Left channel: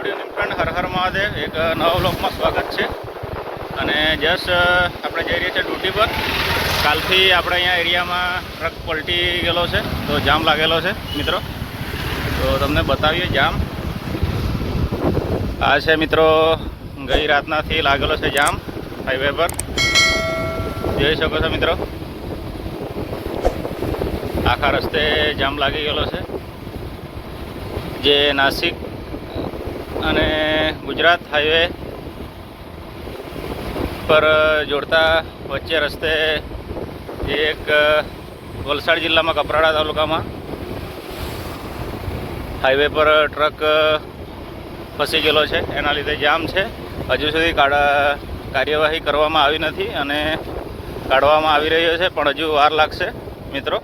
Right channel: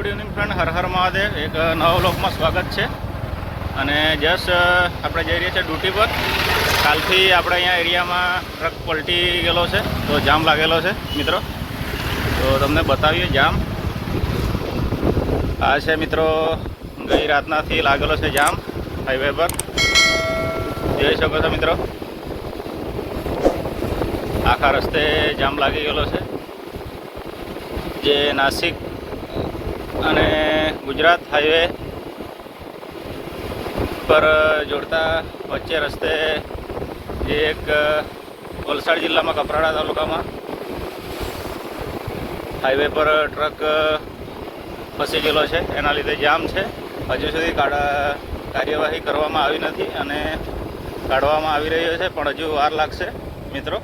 Good evening friend, Har Har Mahadev. એક નવા વ્લોગમાં સ્વાગત છે. અને જસ્ટ આપણે જઈ રહ્યા છીએ ડ્યુટી પર. કાલથી આપણે અહીંયા એરિયામાં ટ્રક પલટી ગયેલો છે, તો જામ લાગેલો છે મિત્રો. તો તમને બતાવીએ જામ. આ છે મિત્રો, ગઈ રાતનાથી લાગેલો છે જામ હાઈવે પર, જોઈ શકો છો મિત્રો. આખા રસ્તે જામ લાગી ગયેલો છે, જે નાસિક અને ગુજરાત હાઈવે પર જોડતા વચ્ચે રસ્તે જે એક વલસાડ જિલ્લામાં કપરાડા તાલુકામાં હાઈવે પર ટ્રક ફસી ગયેલો છે, એના લીધે જામ છે. હજુ સુધી કાર્યવાહી કરવામાં આવી નથી અને કાઢવામાં આવી રહ્યો છે, પણ હજુ વાર લાગશે મિત્રો.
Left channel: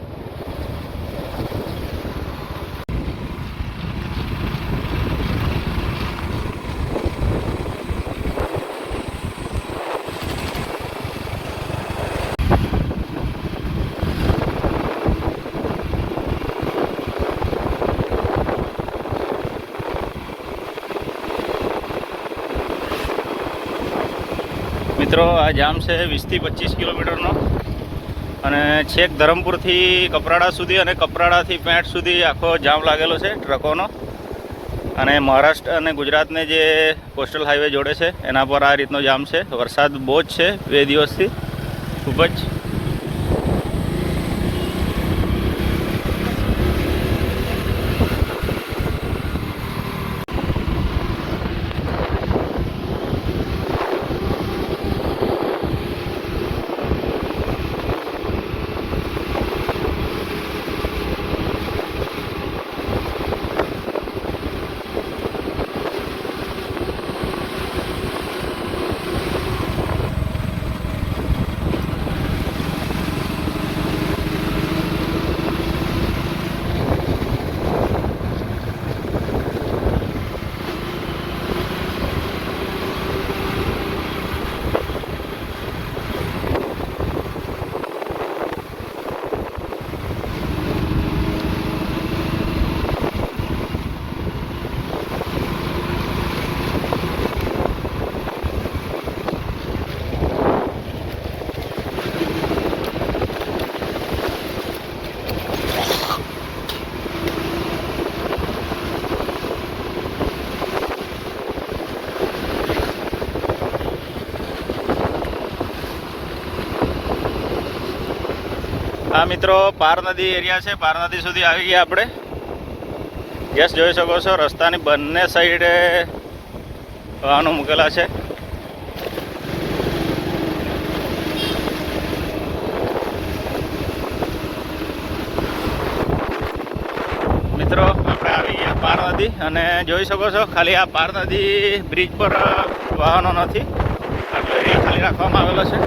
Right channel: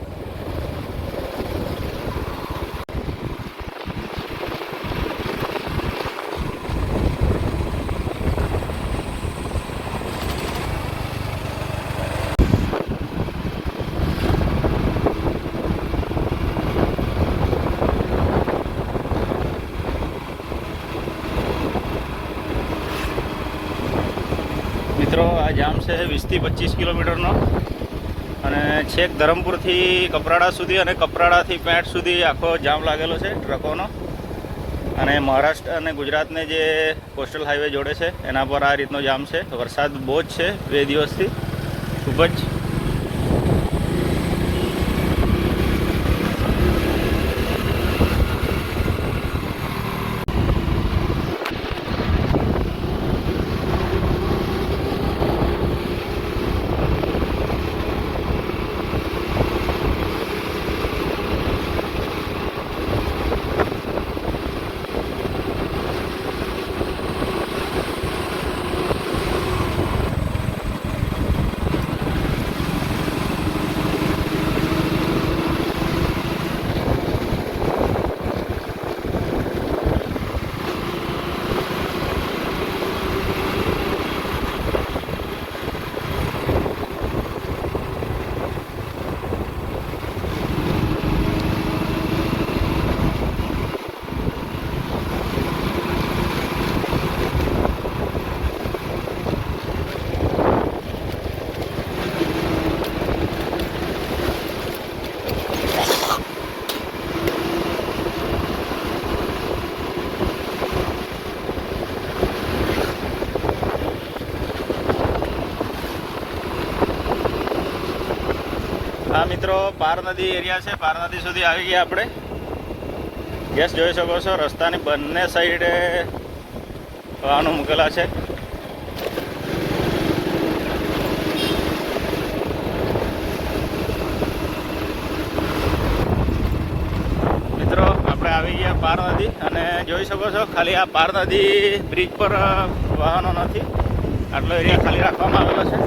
મિત્રો આ જામ છે 20 થી 25 કિલોમીટરનો, અને છેક ધરમપુરથી કપરાડા સુધી અને કપરાડાથી પેંટ સુધી આખો જામ લાગેલો છે ટ્રકોનો. અને મહારાષ્ટ્ર અને ગુજરાતને જે કોસ્ટલ હાઈવે જોડે છે એના પર આ રીતનો જામ છે. વરસાદ બહુ જ છે 2 દિવસથી, ખૂબ જ. આ મિત્રો પાર નદી એરિયા છે, પાર નદી સુધી આવી ગયા આપણે. યસ, જોઈ શકો છો રસ્તાની બંને સાઈડે વાહનો મૂકેલા છે. મિત્રો આપણે આવી ગયા પાર નદી, અને જોઈ શકો છો ખાલી આ પાર નદી બ્રિજ પર વાહનો નથી, આટલો એરિયા ખાલી રાખવામાં આવેલો છે.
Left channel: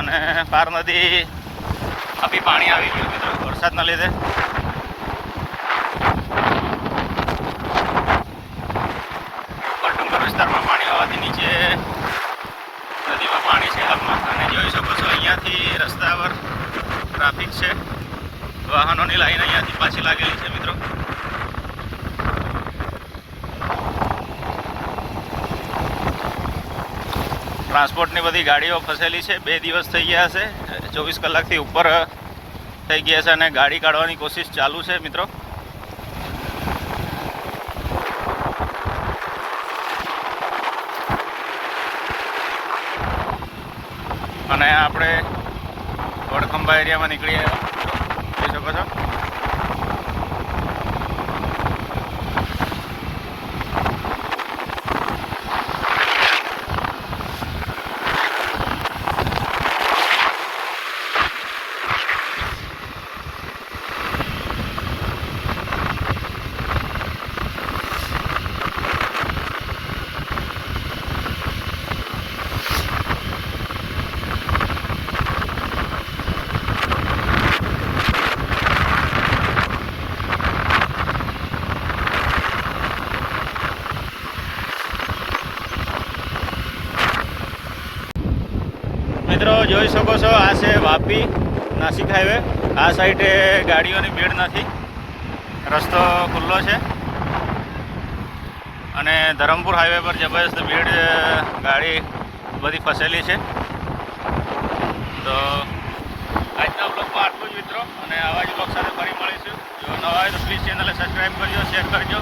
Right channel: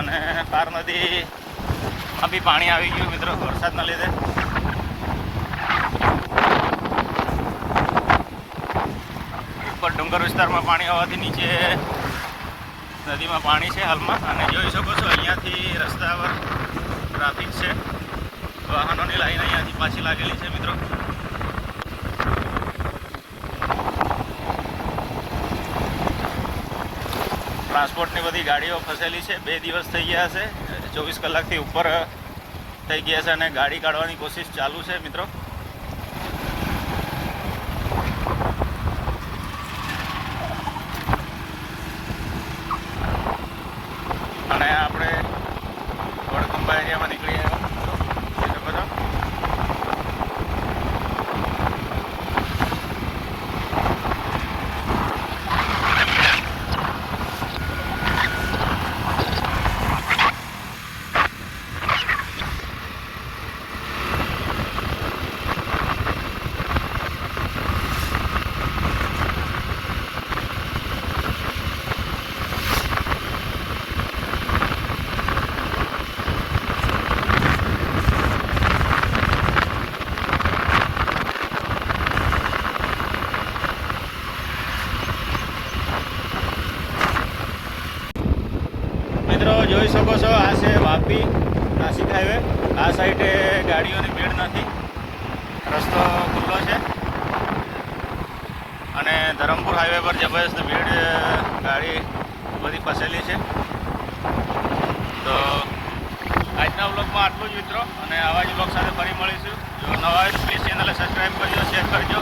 અને પાર નદીમાં બી પાણી આવી ગયું મિત્રો વરસાદના લીધે. ઉપર ડુંગર વિસ્તારમાં પાણી આવવાથી નીચે નદીમાં પાણી છે હાલમાં. અને જોઈ શકો છો અહીંયાથી રસ્તા પર ટ્રાફિક છે, વાહનોની લાઈન અહીંયાથી પાછી લાગેલી છે મિત્રો. ટ્રાન્સપોર્ટની બધી ગાડીઓ ફસેલી છે. 2 દિવસ થઈ ગયા છે, 24 કલાકથી ઉપર થઈ ગયા છે, અને ગાડી કાઢવાની કોશિશ ચાલુ છે મિત્રો. અને આપણે વડખંભા એરિયામાં નીકળીએ, જોઈ શકો છો. મિત્રો જોઈ શકો છો આ છે વાપી નાસિક હાઈવે. આ સાઈડે ગાડીઓની ભીડ નથી, રસ્તો ખુલ્લો છે. અને ધરમપુર હાઈવે પર જબરજસ્ત ભીડ, ગાડી બધી ફસેલી છે. તો આજના વ્લોગમાં આટલું જ મિત્રો, અને આવા જ વ્લોગ સાથે ફરી મળીશું. જો નવા હોય તો પ્લીઝ ચેનલને સબસ્ક્રાઈબ કરજો, શેર કરજો.